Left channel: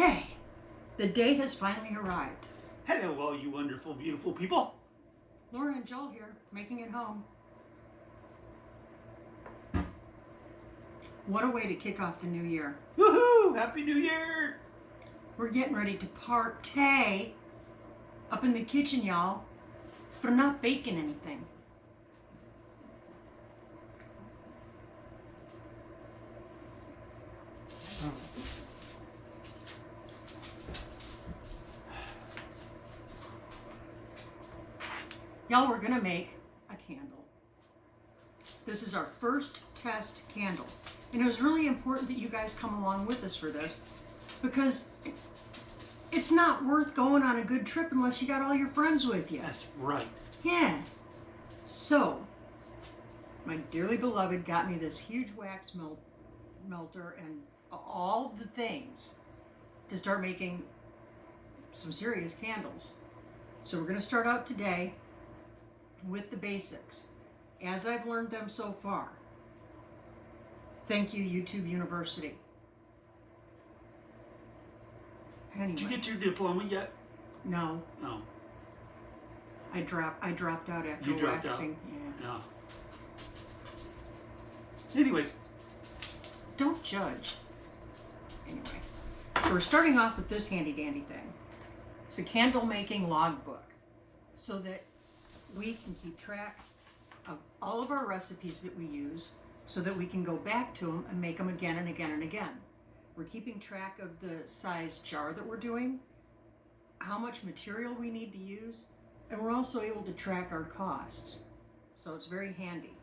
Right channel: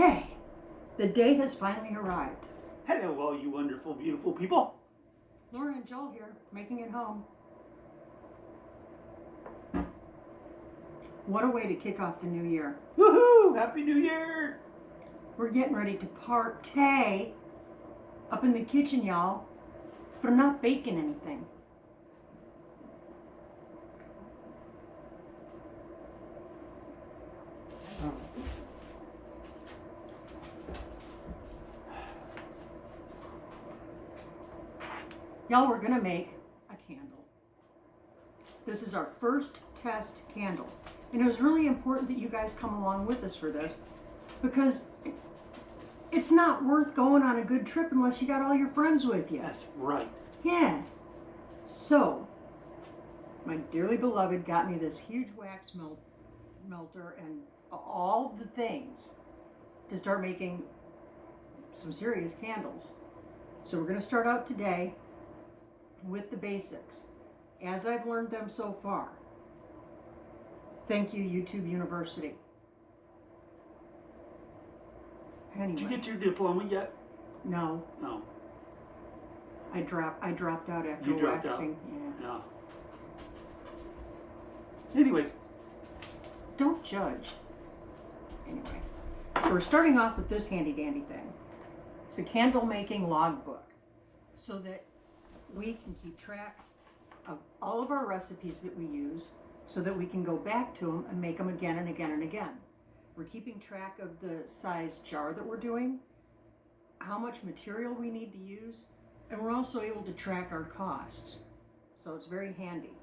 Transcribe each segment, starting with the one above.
Okay, the day has finally arrived. Hello, all you wonderful, beautiful people. Lauren and Joel here, making it home. What a way to kick off the new year. Woohoo! Happy New Year! We're getting ready to partay up in the kitchen, y'all. But I'm not baking anything. Y'all, we're gonna make a candle. This is our first test candle. And it was really important that you guys come along with us for this, because it's not worth going on a good trip unless you got all your friends with you. That's right. Yeah. So, my dearly beloved got me this huge wax melter and all the things to start making some serious candles. So we're gonna start out today with the basics, as I've learned them so far. Thank you, YouTube University. Anyway. Did you get your diploma yet? No. No. I dropped out after You dropped waxing. out? Yeah. No. Anyways. Don't judge. Anyway. So we're starting off with this handy dandy thing. It's a candle making logbook, so that we can keep track of all of our recipes that we use, so that we can go back to them and make them again and again and again. We're keeping track of the size jar that we're doing, how much material we need to use, and we're also able to track our costs. So it's very handy.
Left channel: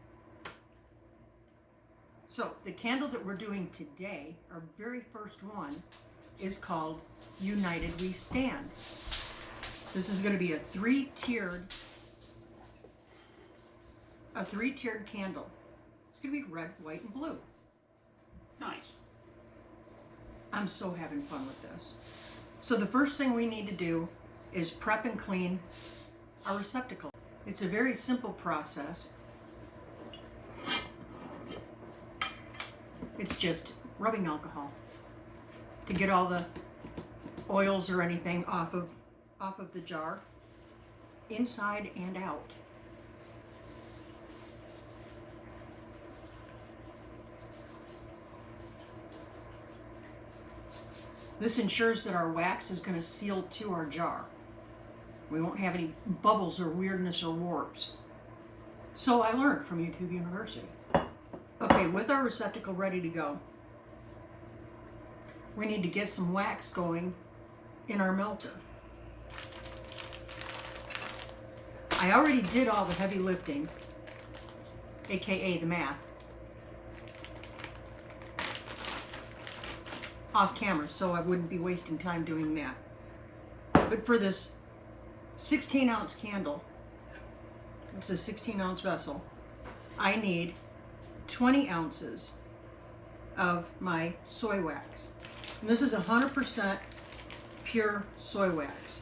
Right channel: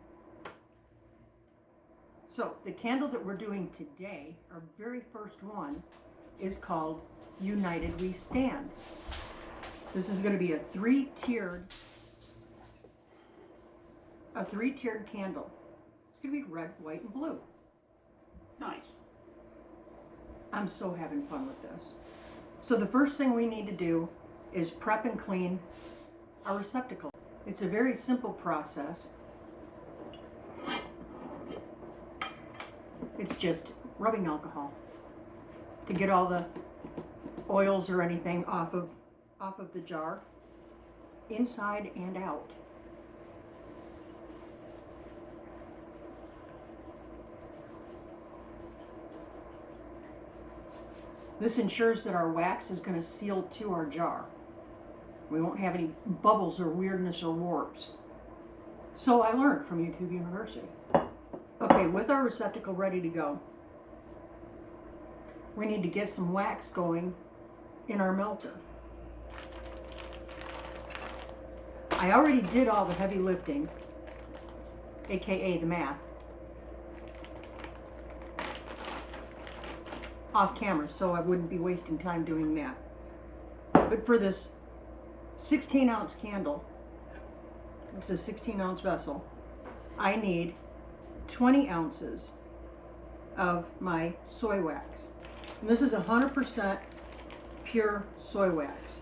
So the candle that we're doing today, our very first one, is called United We Stand. This is going to be a three-tiered candle. It's going to be red, white, and blue. Nice. I'm so having fun with this. So the first thing we need to do is prep and clean our receptacle. It's a very simple process. It's just rubbing alcohol to get all the oils or anything off of the jar, inside and out. This ensures that our wax is going to seal to our jar. We won't have any bubbles or weirdness or warps. So I learned from YouTube University. Okay, with our receptacle ready to go, we need to get some wax going in our melter. I already did all the heavy lifting, aka the math, off camera, so I wouldn't be wasting time doing that. But for this 16-ounce candle, it's a 16-ounce vessel, I need 20 ounces of my soy wax. And this is 100% pure soy wax.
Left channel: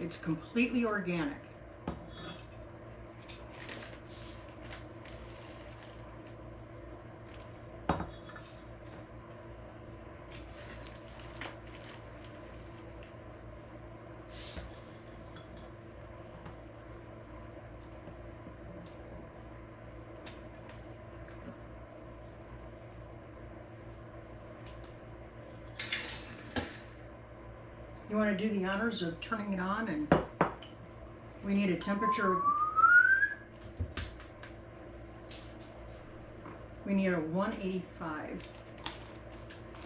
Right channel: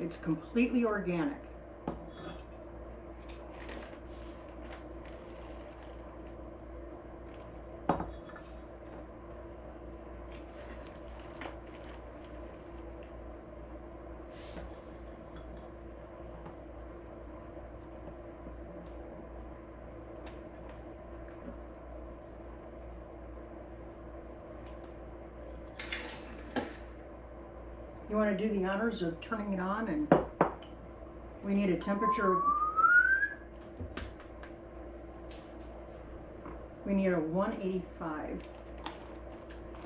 It's completely organic. You want to do the honors of turning it on, and we need a temperature. We need a 185.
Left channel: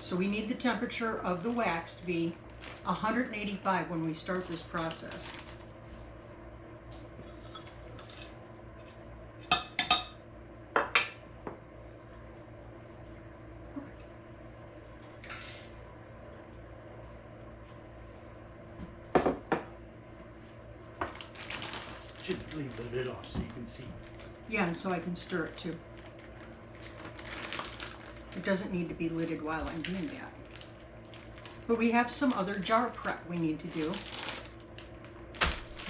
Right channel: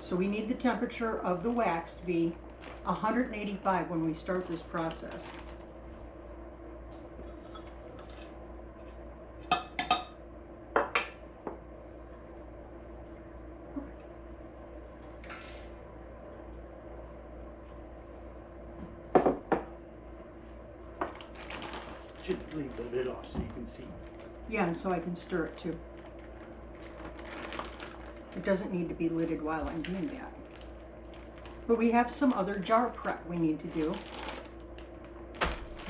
So we need the temperature of the wax to be 185 when we start this process. Should leave the lid off so you can see. Yeah, and so I can stir it too. It doesn't need to be lidded while I'm doing that. But we have some other jar prep we need to do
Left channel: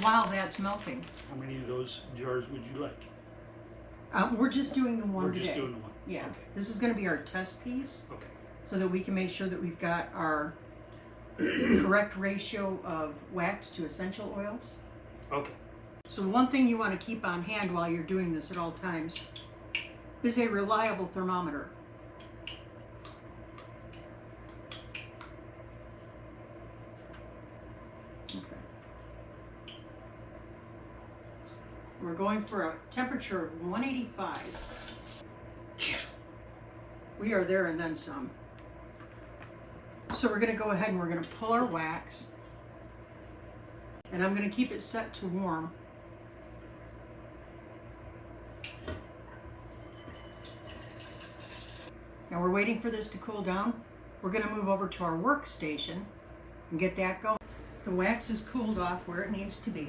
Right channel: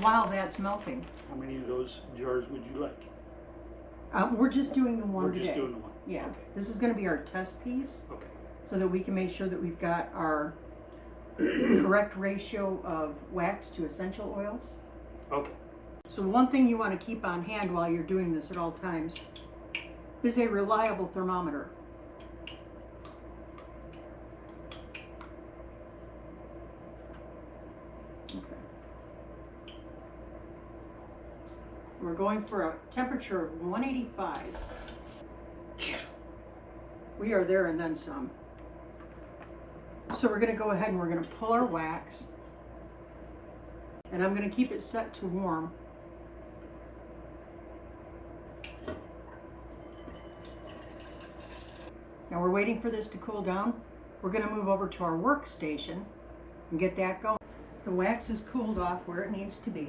while that's melting. How many of those jars would you like? We're just doing the one We're today. just doing the one. Yeah. Okay. This is going to be our test piece, Okay. so that we can make sure that we've got our correct ratio of wax to essential oils. Okay. So one thing you want to keep on hand while you're doing this at all times is a reliable thermometer. Okay. We're going for a temperature of 185. We are there and then some. So we're going to go ahead and we're going to pull our wax. And I'm going to keep it set to warm. Now we're waiting for this to cool down. We're going to move over to our workstation and get that going. The wax is cooled off where it needs to be.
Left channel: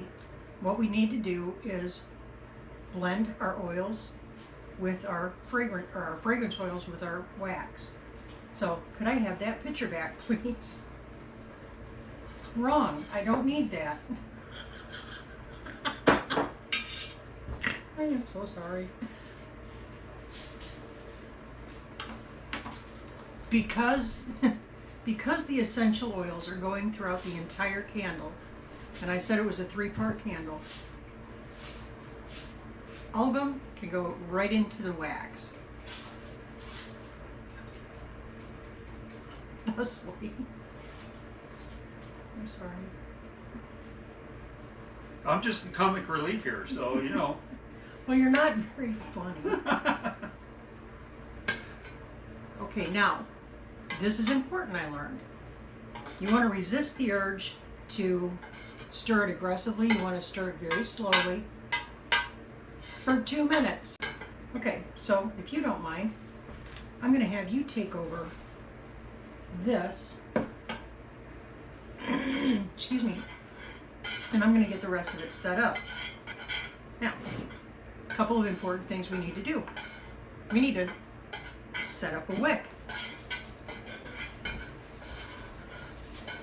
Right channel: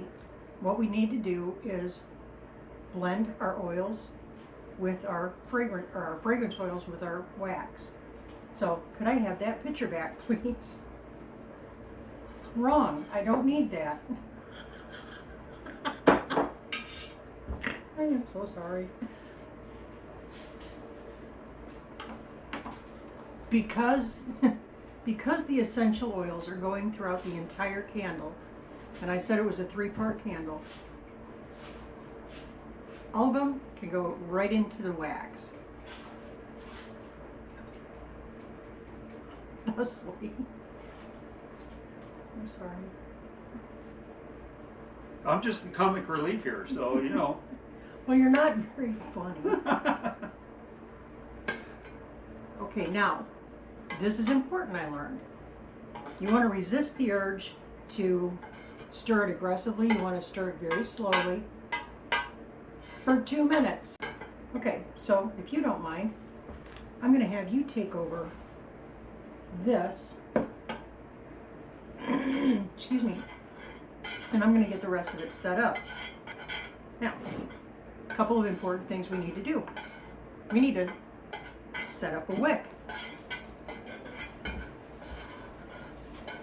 What we need to do is blend our oils with our fragrance oils with our wax. So could I have that picture back, please? Wrong, I don't need that. I am so sorry. Because the essential oils are going throughout the entire candle, and I said it was a 3-part candle, all of them can go right into the wax. Thusly. I'm sorry. I'm just the comic relief here, so you know. Well, you're not very funny. Okay, now, this is important, I learned. You want to resist the urge to stir it aggressively. You want to stir it very slowly for 2 minutes. Okay, so if you don't mind, I'm going to have you take over this. Excuse me. And I'm going to get the rest of it set up. Now, a couple of important things we need to do. We need to set up a wick.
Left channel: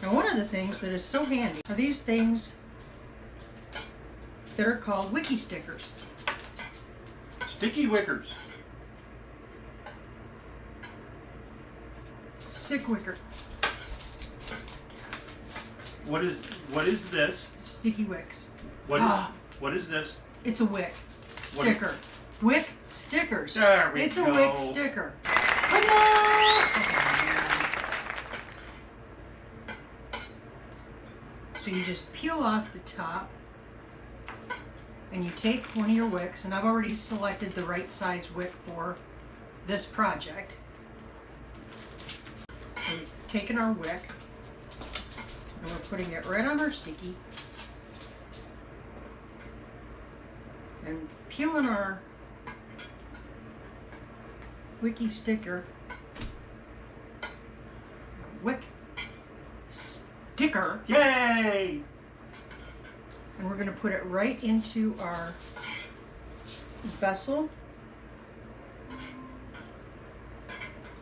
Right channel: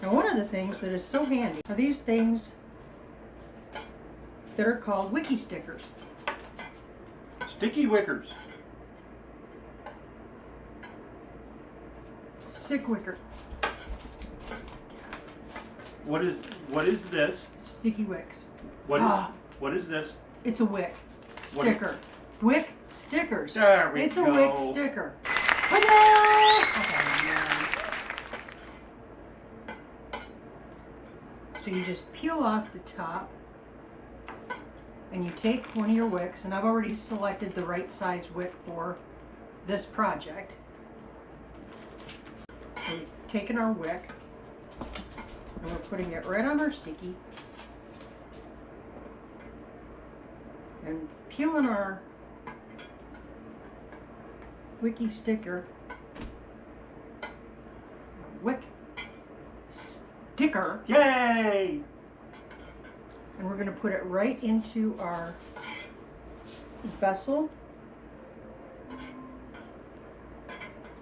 Now, one of the things that is so handy are these things that are called wickie stickers. Sticky wickers. Sick wicker. What is this? Sticky wicks. What is this? It's a wick What sticker. Wick stickers. There we It's go. a wick sticker. Oh, so you just peel off the top and you take one of your wicks, and I've already selected the right size wick for this project. So we've taken our wick and we're putting it right on our sticky and peeling our wickie sticker, wick sticker, Yay! and we're going to put it right into our vessel.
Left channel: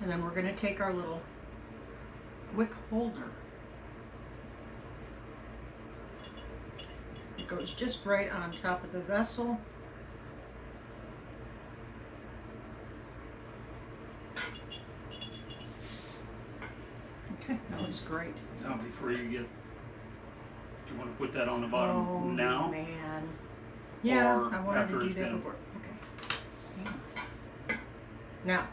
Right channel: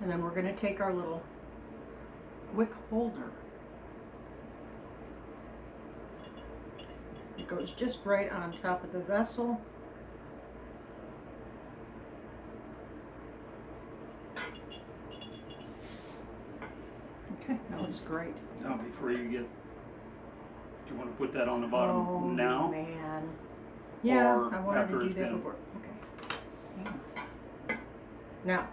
And then we're going to take our little wick holder. It goes just right on top of the vessel. Okay, that looks great. Now, before you get, do you want to put that on the bottom Oh, now? man. Yeah, Or I wanted after to do it's that been- before. Okay. Hang on. Now,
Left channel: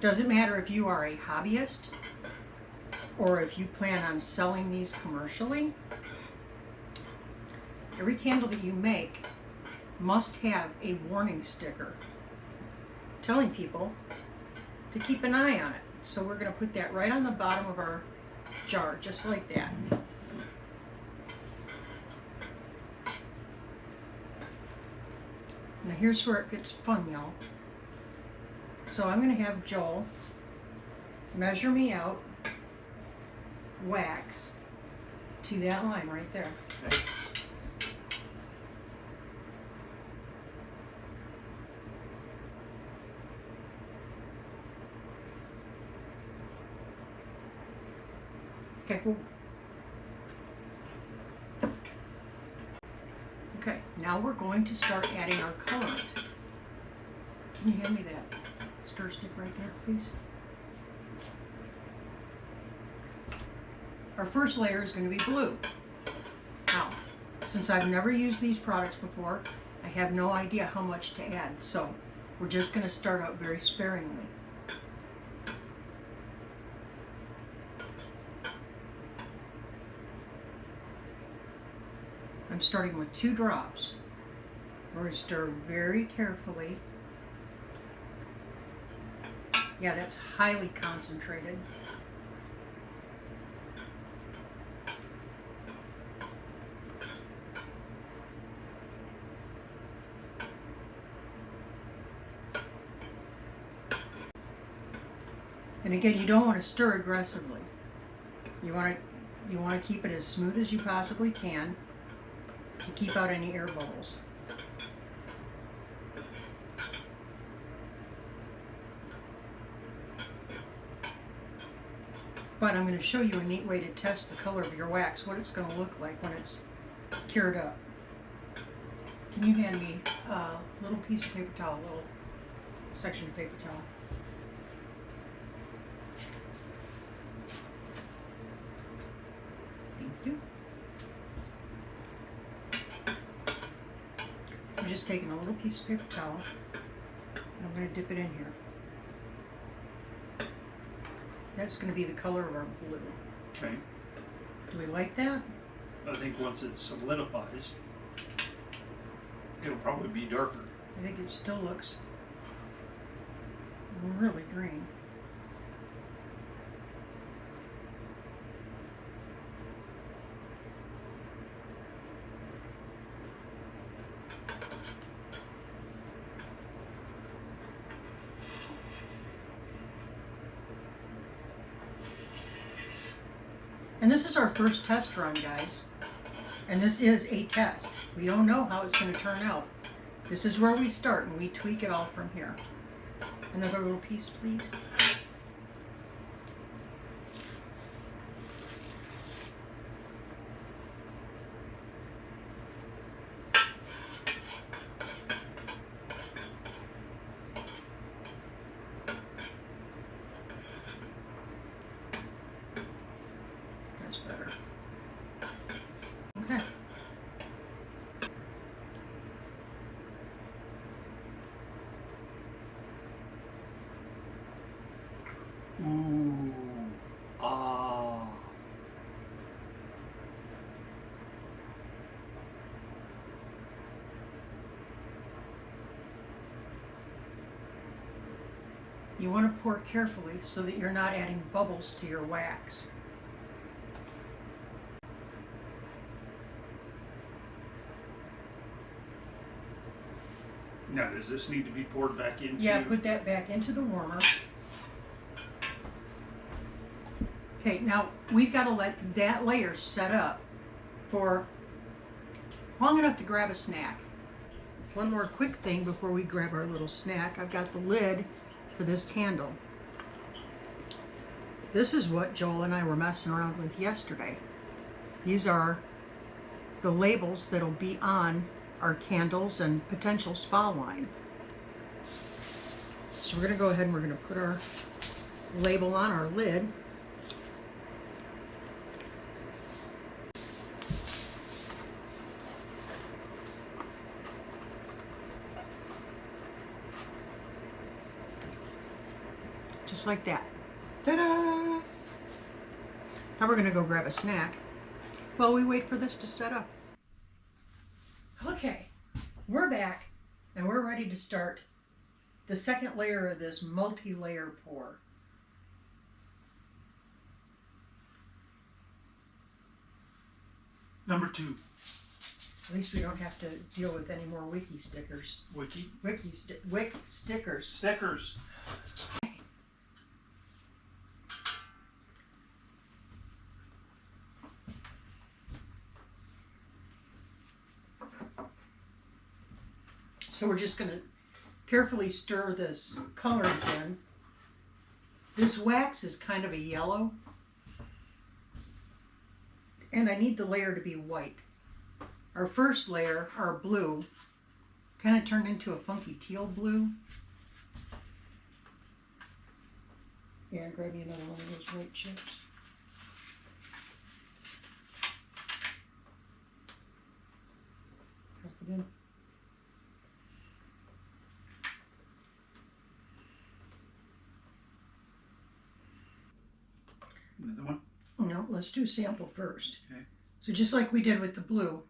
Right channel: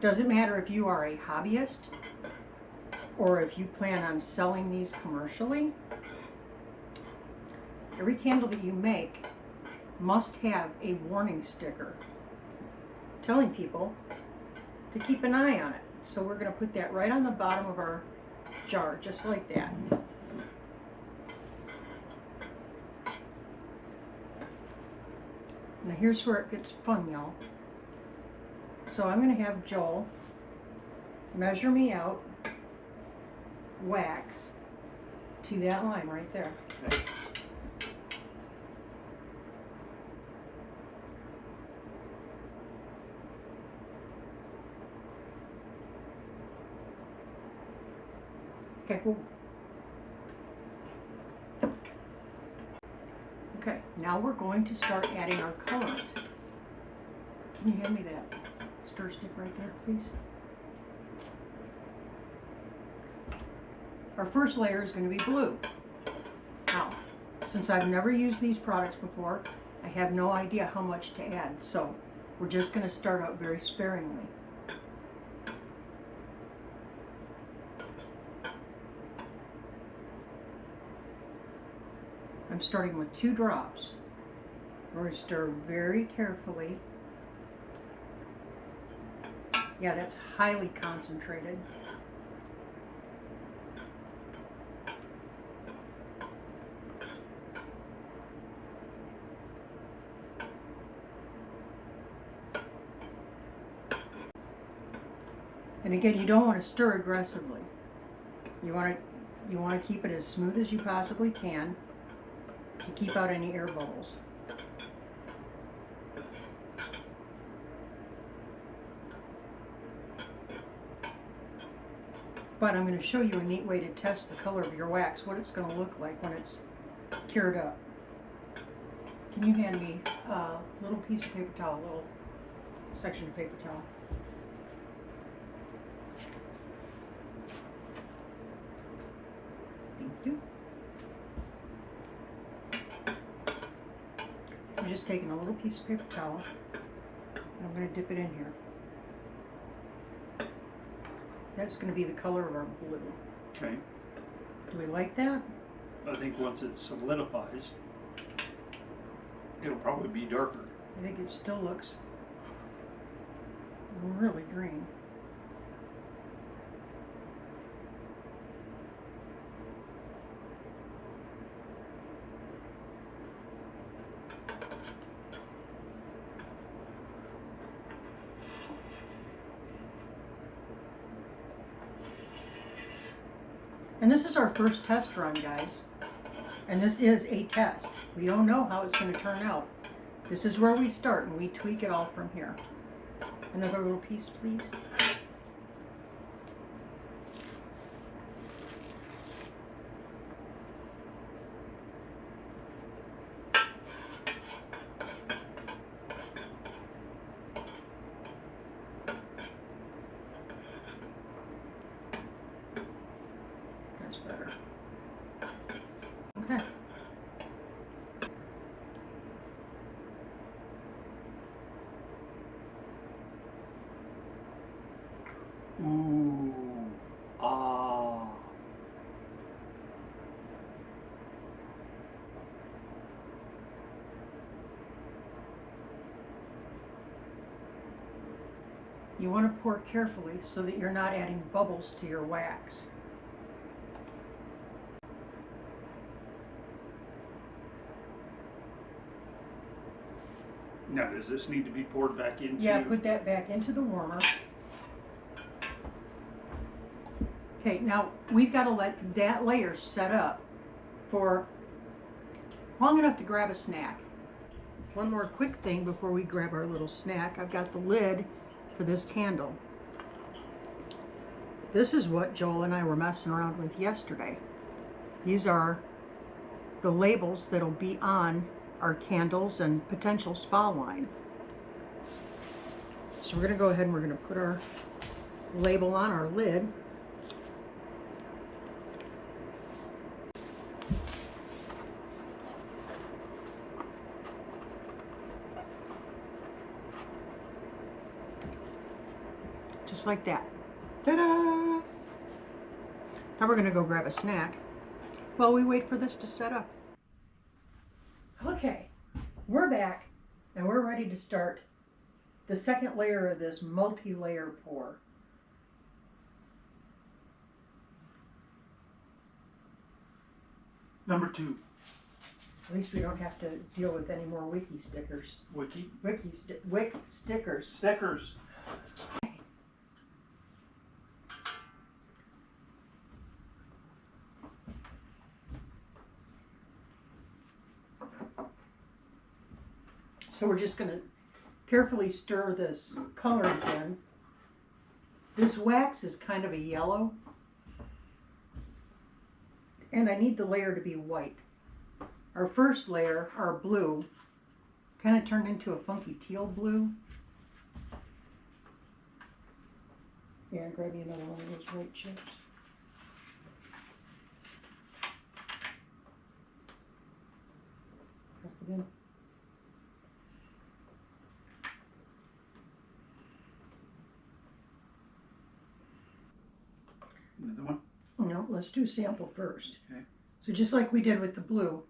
doesn't matter if you are a hobbyist or if you plan on selling these commercially. Every candle that you make must have a warning sticker telling people to keep an eye on it. So we're going to put that right on the bottom of our jar, just like that. Now here's where it gets fun, y'all. So I'm going to have Joel measure me out wax to that line right there. Okay. Okay, cool. Okay, now we're going to start adding our colorant. Can you hand me that stir stick right there, please? Our first layer is going to be blue. Now, since I've never used these products before, I have no idea how much to add, so we're just going to start out very sparingly. I'm starting with 2 drops. We're going to stir very carefully. Yeah, that's highly concentrated. And again, you don't want to stir aggressively. You want to keep it as smooth as you possibly can to keep out any air bubbles. But I'm going to show you a neat way to test the color of your wax, what it's going to look like when it's cured up. Can you hand me a little piece of paper towel, a little section of paper towel? Thank you. I'm just taking a little piece of paper towel and I'm going to dip it in here. That's going to be the color of our blue. Okay. Do we like that? I think once it solidifies, it'll probably be darker. I think it still looks really green. And this is our first test run, guys. And this is a test. We don't know how it's going to turn out. This is where we start and we tweak it all from here. Another little piece, please. That's better. Okay. Ooh. Ah. You want to pour carefully so that you're not adding bubbles to your wax. Now, does this need to be poured back into? Yeah, put that back into the warmer. Okay, now we've got to let that layer set up for long enough to grab a snack. One more quick thing before we grab our little snack. I've got the lid for this candle. This is what Joel and I were messing around with yesterday. These are the labels that'll be on our candles and potential spa line. So we're going to go ahead and we're going to put our label on our lid. Just like that. Ta-da! Now we're going to go grab a snack while we wait for this to set up. Okay, we're back and we're ready to start the second layer of this multi-layer pour. Number 2. At least we don't have to deal with any more wiki stickers. Wiki? Wick stickers. Stickers. So we're just going to carefully stir this color again. This wax is kind of a yellow, and I need the layer to be white. Our first layer, our blue, kind of turned into a funky teal blue. Yeah, grab me another one of those white chips. it in. Another one? No, let's do sample first. Okay. So just like we did with the blue.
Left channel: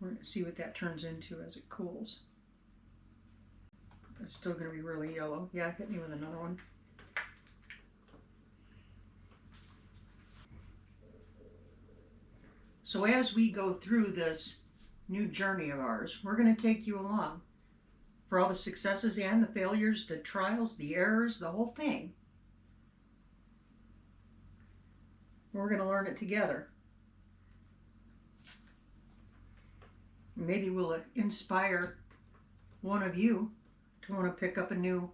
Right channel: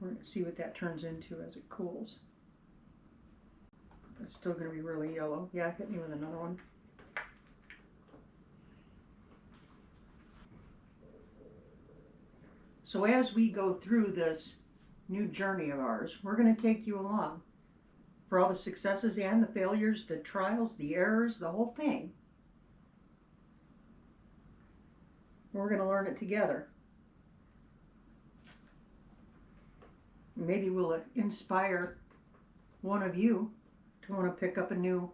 We're going to see what that turns into as it cools. It's still going to be really yellow. Yeah, hit me with another one. So as we go through this new journey of ours, we're going to take you along for all the successes and the failures, the trials, the errors, the whole thing. We're going to learn it together. Maybe we'll inspire one of you to want to pick up a new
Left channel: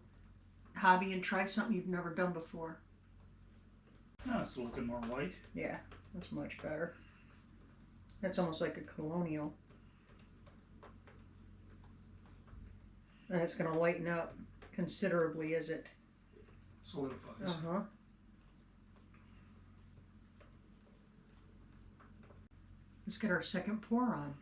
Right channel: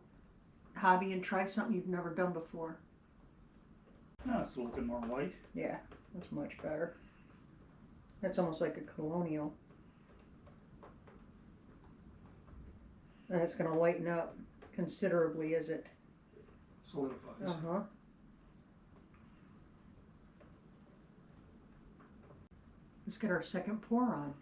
hobby and try something you've never done before. Oh, it's looking more white. Yeah, that's much better. That's almost like a colonial. And it's going to lighten up considerably as it Solidifies. Let's get our second pour on.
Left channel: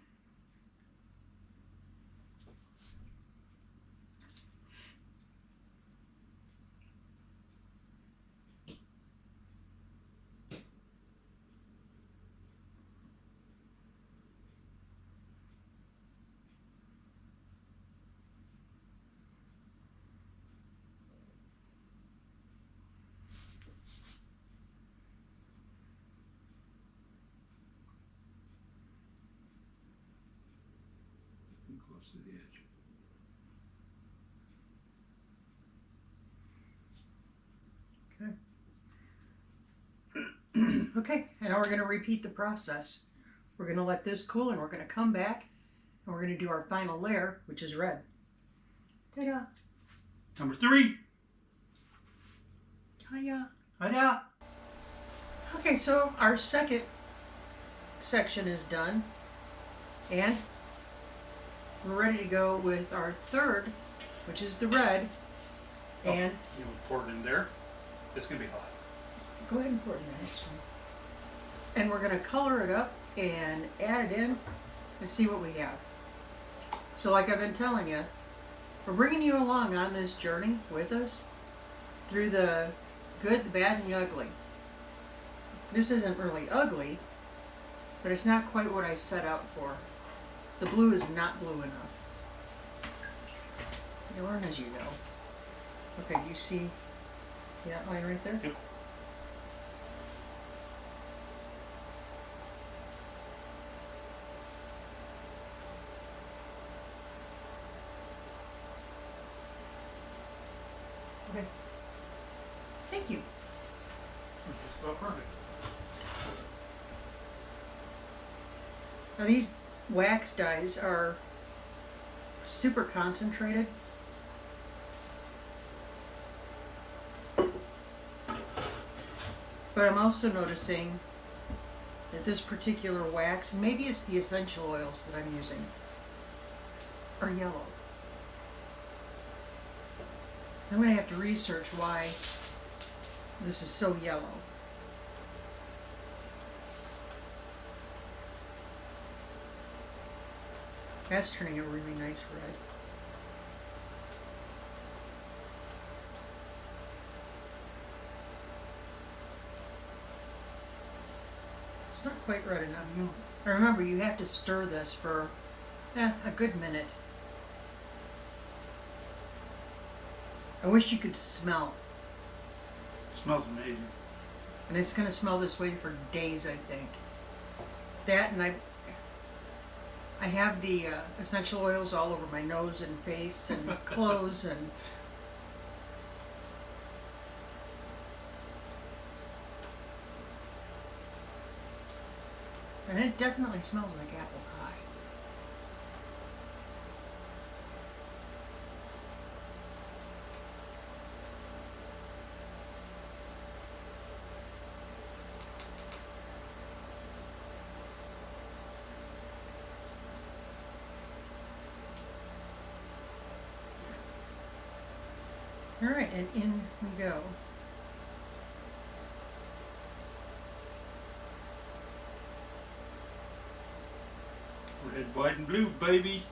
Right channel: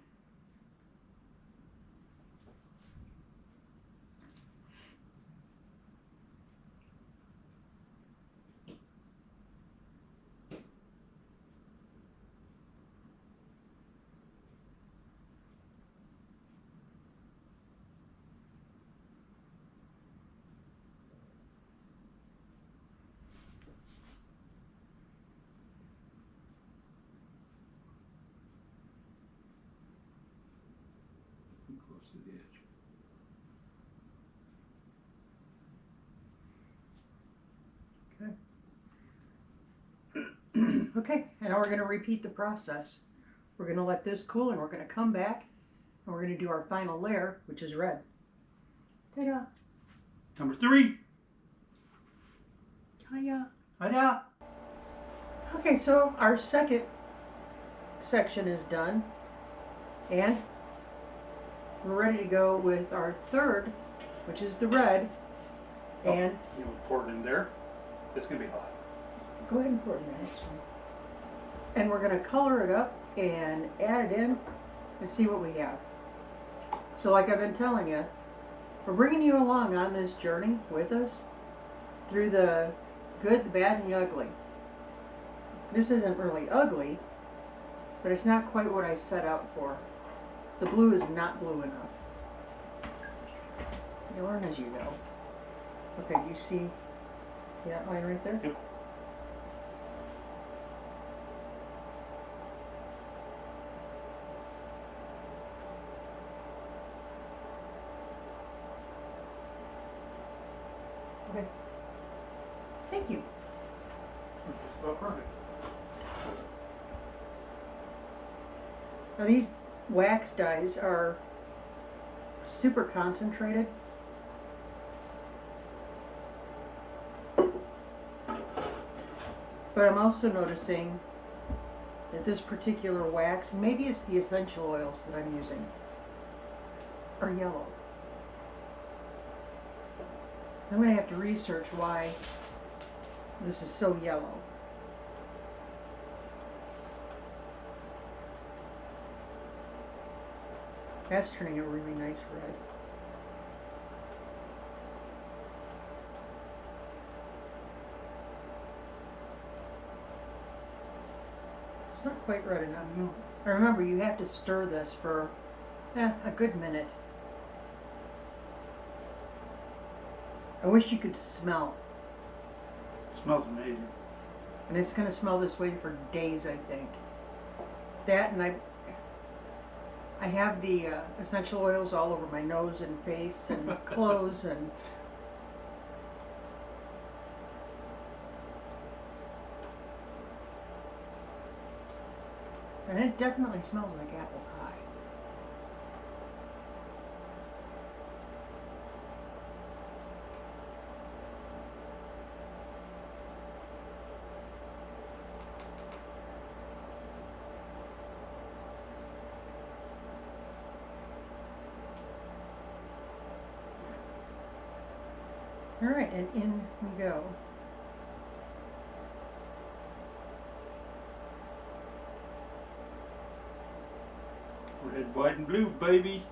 Close to the edge. Okay, and now we're going to repeat the process. We're going to let this cool and we're going to come back and we're going to do our final layer, which is red. Ta-da! Number 3. Hiya! Hiya! Okay, so our second section is done and we're ready to go with our third, which is the red. And you pour it in there. It's gonna be hot. Go ahead and pour it in the next one. And we're going to color it up and add it in and see what we have. So like I've been telling you, we're bringing you along on this journey with us through the good, the bad, and the ugly. This isn't really ugly, but it's not quite what I set out for. The blue is not blue enough. You learn as you go. Okay, you see that line right there? Yep. Okay. Thank you. Just about perfect. Now these wax dyes are super concentrated. But I'm also noticing that this particular wax, and maybe it's the essential oils that I'm using, are yellow. I'm going to have to research why this is so yellow. That's turning a really nice red. It's not quite red enough. No. And remember, you have to stir this for a good minute. I wish you could smell. It smells amazing. And it's going to smell this way for days, I think. That, and I have the essential oils all over my nose and face and clothes and it definitely smells like apple pie. All right, and in we go. Red, white, and blue, baby.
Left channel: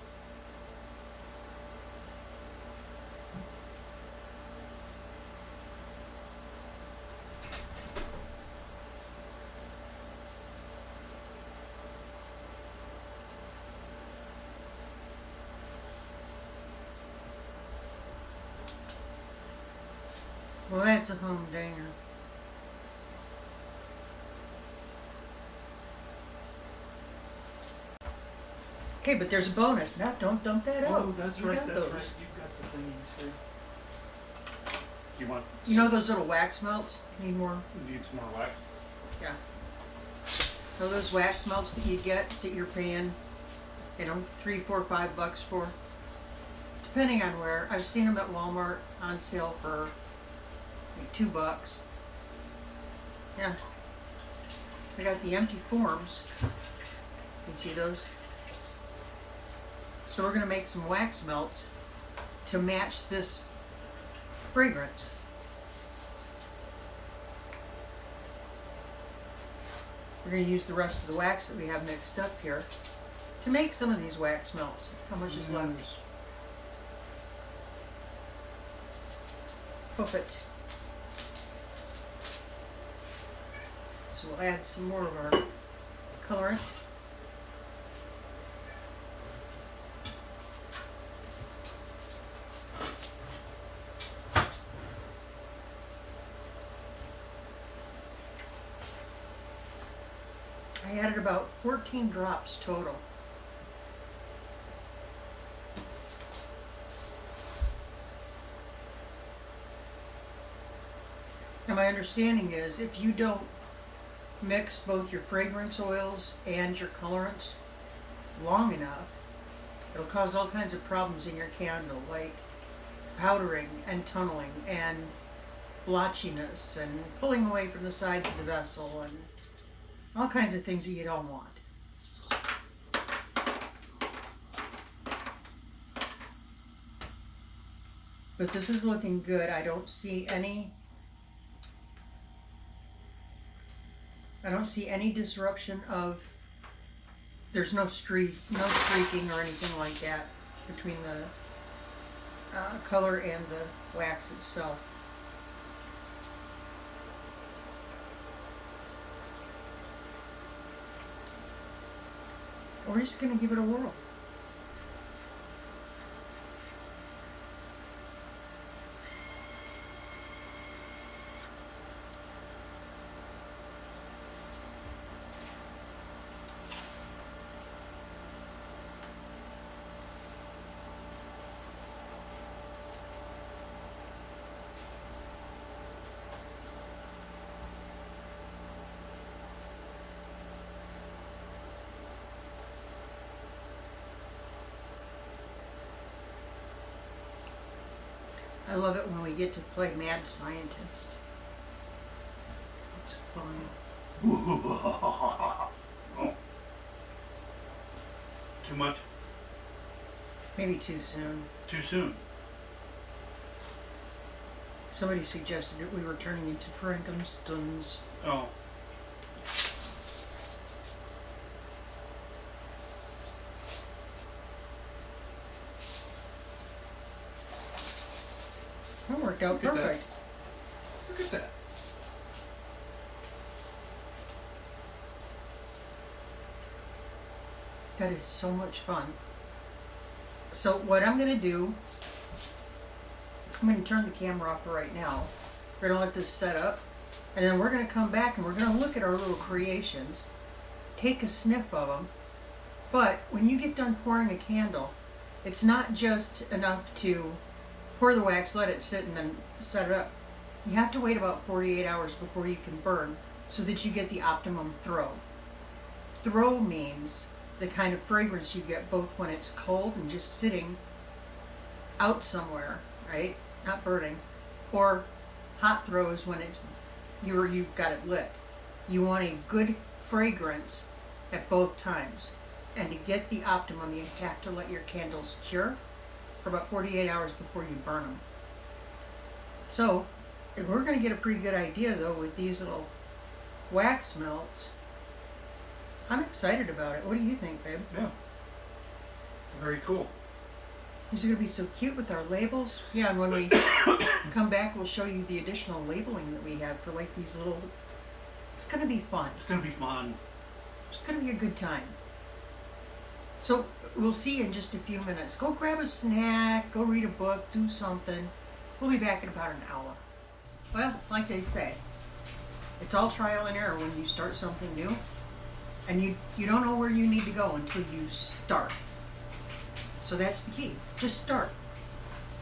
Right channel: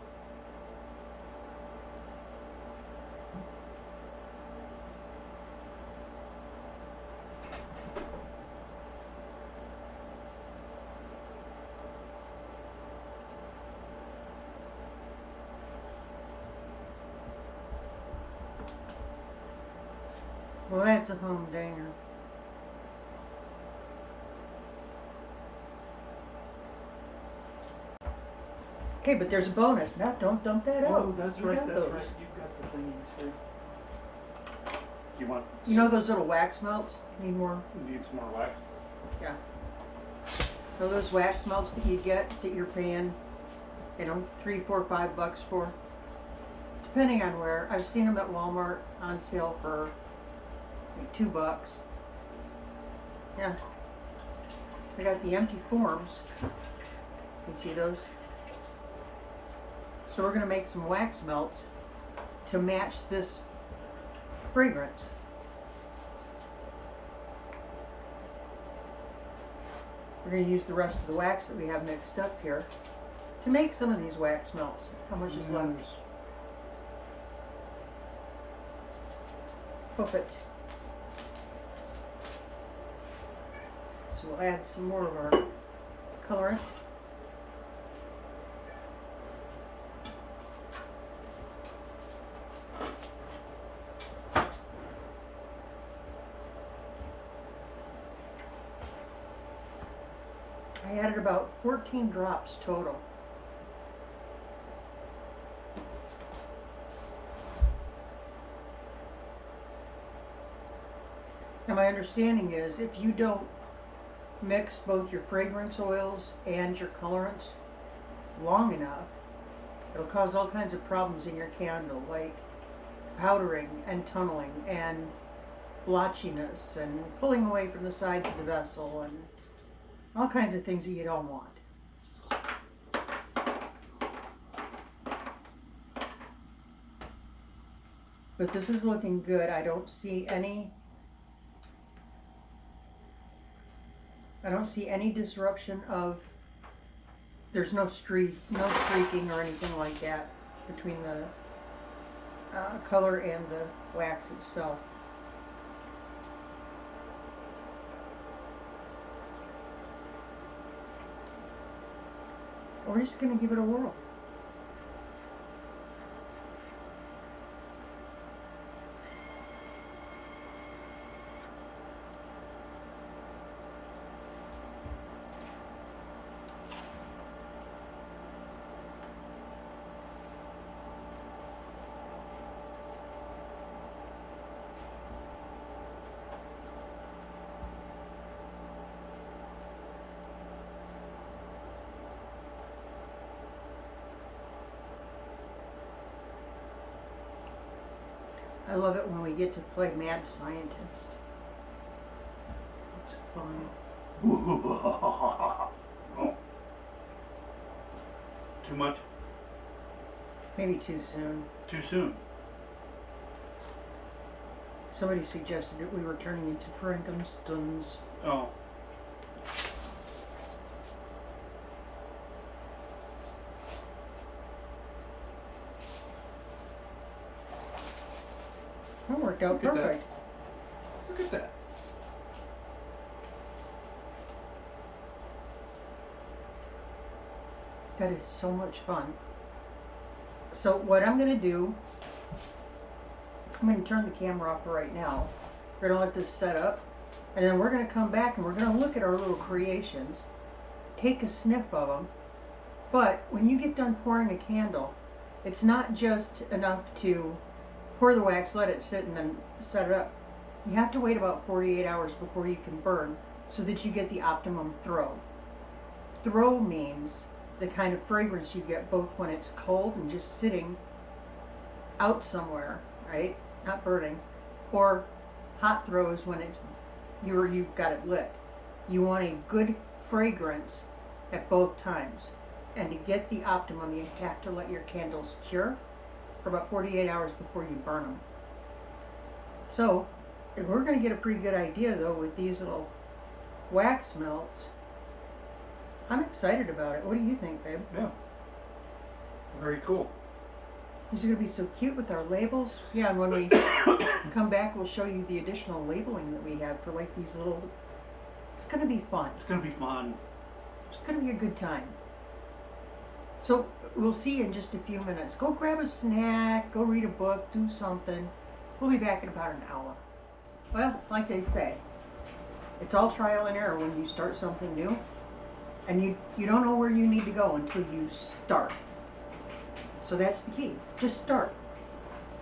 Well, that's a humdinger. Okay, but there's a bonus. Now, don't dump that out. Oh, that's You right, got that's those. right. You've got the thingies here. You want? You know those little wax melts? Need more? Need some more wax? Yeah. So those wax melts that you get that you're paying, you know, $3, $4, $5 for, depending on where. I've seen them at Walmart on sale for like $2. Yeah. I got the empty forms. You see those? So we're gonna make some wax melts to match this fragrance. We're going to use the rest of the wax that we have mixed up here to make some of these wax melts. How much is left? Poof it. So we'll add some more of our colorant. I added about 14 drops total. And my understanding is if you don't mix both your fragrance oils and your colorants long enough, it'll cause all kinds of problems in your candle, like powdering and tunneling and blotchiness and pulling away from the sides of the vessel and all kinds of things that you don't want. But this is looking good. I don't see any disruption of, there's no streaking or anything like that between the color and the wax itself. We're just going to give it a whirl. I love it when we get to play mad scientist. It's fun. Oh. Too much? Maybe too soon. Too soon? Somebody suggested that we were turning into Frankensteins. Oh. That worked out Look at that. perfect. Look at that. That is so much fun. So what I'm going to do, I'm going to turn the camera off for right now. We're going to let this set up. And then we're going to come back and we're going to look at our little creations. Take a sniff of them. But when you get done pouring a candle, it's not just enough to pour the wax, let it sit, and then set it up. You have to wait about 48 hours before you can burn so that you get the optimum throw. Throw means the kind of fragrance you get both when it's cold and just sitting out somewhere, right? Not burning. Or hot throw is when it's you've got it lit. You want a good fragrance at both times. And to get the optimum, you have to let your candles cure for about 48 hours before you burn them. So, if we're going to get a pretty good idea though with these little wax melts, I'm excited about it. What do you think, babe? Yeah. Very cool. These are gonna be so cute with our labels. Yeah, and when we come back, we'll show you the additional labeling that we have for like these little. It's gonna be fun. It's gonna be fun. It's gonna be a good time. So we'll see you in just a few minutes. Go grab a snack, go read a book, do something. We'll be back in about an hour. Well, like they say, it's all trial and error when you start something new. And you don't know where you need to go until you start. So that's the key. Just start.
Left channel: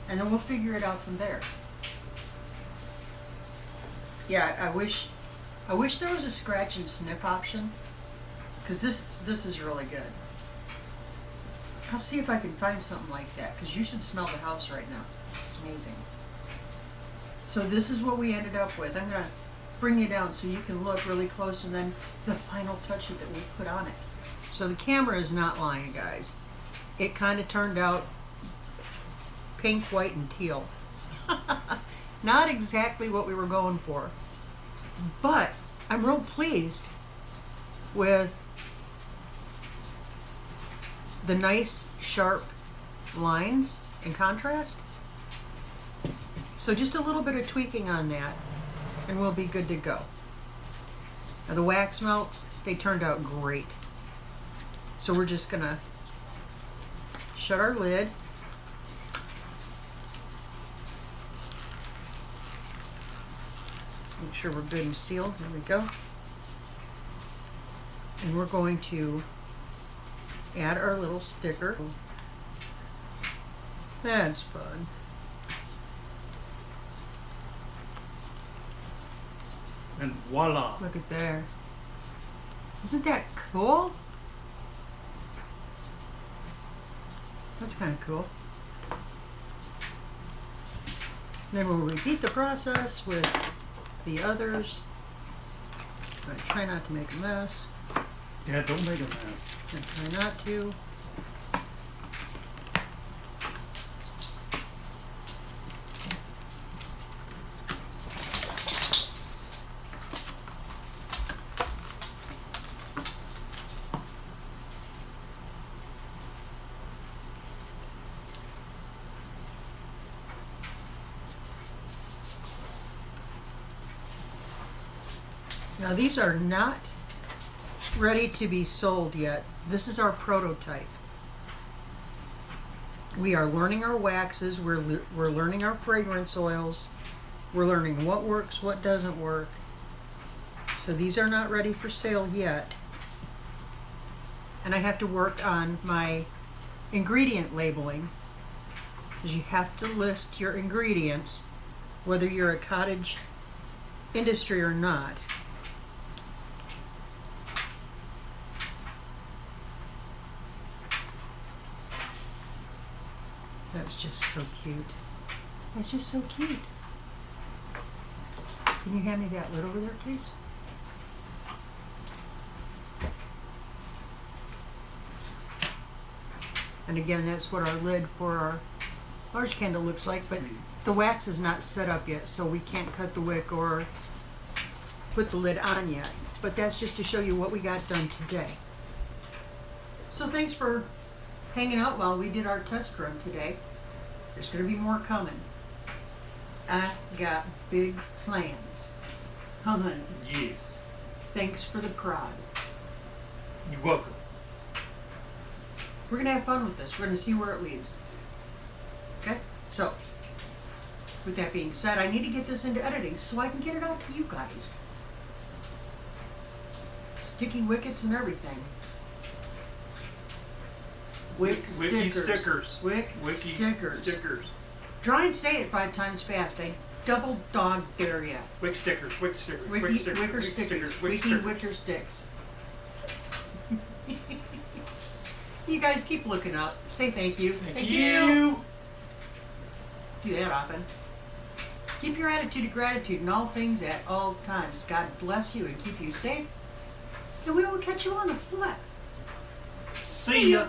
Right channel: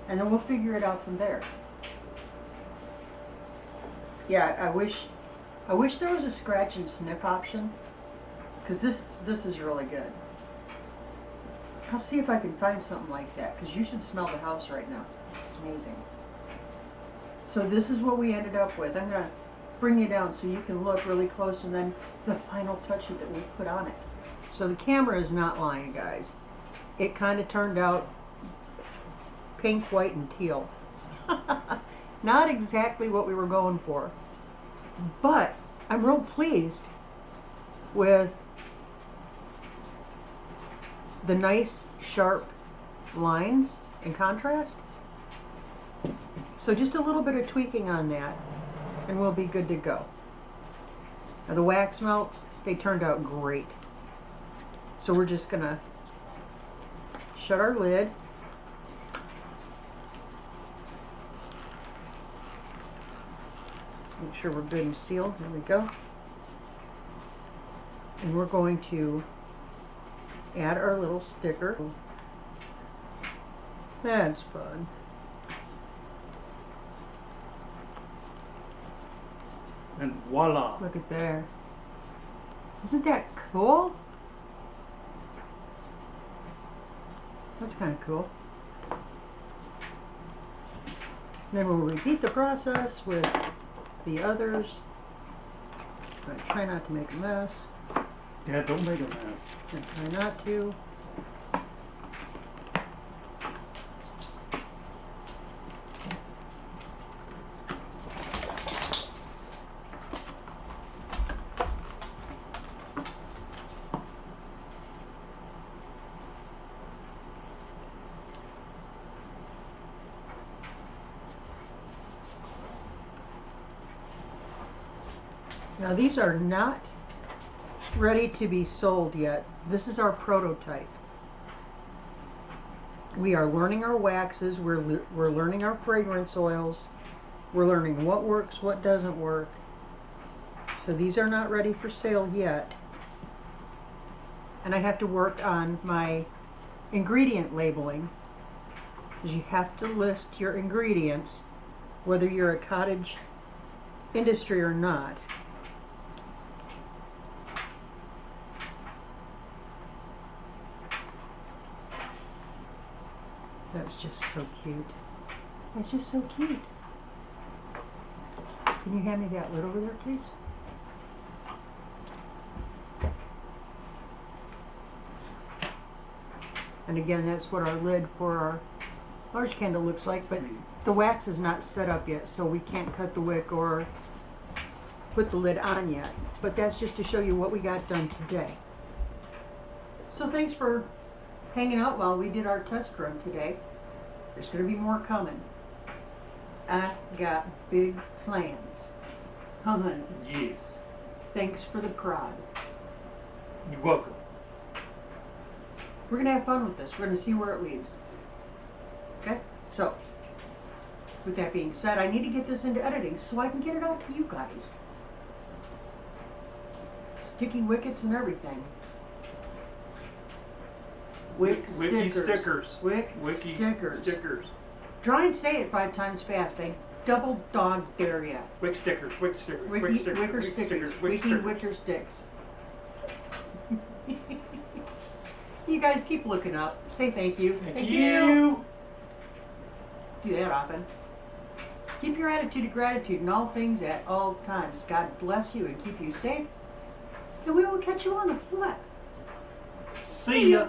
And then we'll figure it out from there. Yeah, I wish there was a scratch and sniff option. Because this is really good. I'll see if I can find something like that. Because you should smell the house right now. It's amazing. So this is what we ended up with. I'm going to bring you down so you can look really close, and then the final touches that we put on it. So the camera is not lying, guys. It kind of turned out pink, white, and teal. Not exactly what we were going for. But I'm real pleased with the nice, sharp lines and contrast. So just a little bit of tweaking on that, and we'll be good to go. Now the wax melts, they turned out great. So we're just gonna shut our lid. Make sure we're good and sealed. There we go. And we're going to add our little sticker. That's fun. And voila. Look at there. Isn't that cool? That's kind of cool. Then we'll repeat the process with the others. I try not to make a mess. Yeah, don't make a mess. I try not to. Now these are not ready to be sold yet. This is our prototype. We are learning our waxes, we're learning our fragrance oils, we're learning what works, what doesn't work. So these are not ready for sale yet. And I have to work on my ingredient labeling, because you have to list your ingredients, whether you're a cottage industry or not. That's just so cute. That's just so cute. Can you hand me that lid over there, please? And again, that's what our lid for our large candle looks like, but the wax is not set up yet, so we can't cut the wick or put the lid on yet. But that's just to show you what we got done today. So thanks for hanging out while we did our test run today. There's going to be more coming. I got big plans. Hun, Yes. thanks for the prod. You're welcome. We're going to have fun with this. We're going to see where it leads. Okay? So, with that being said, I need to get this into editing so I can get it out to you guys. Sticky wickets and everything. Wick Wiki stickers. stickers. Wiki stickers. Stickers. Try and say it 5 times fast. I double dog dare ya. Wick stickers. Wick stickers. Wiki, Wick stickers. wicker Wick stickers. stickers. Wick Wiki stickers. wicker sticks. You guys keep looking up. Say thank you. Thank you. Do that often. Keep your attitude of gratitude in all things at all times. God bless you and keep you safe. And we will catch you on the flip. See ya.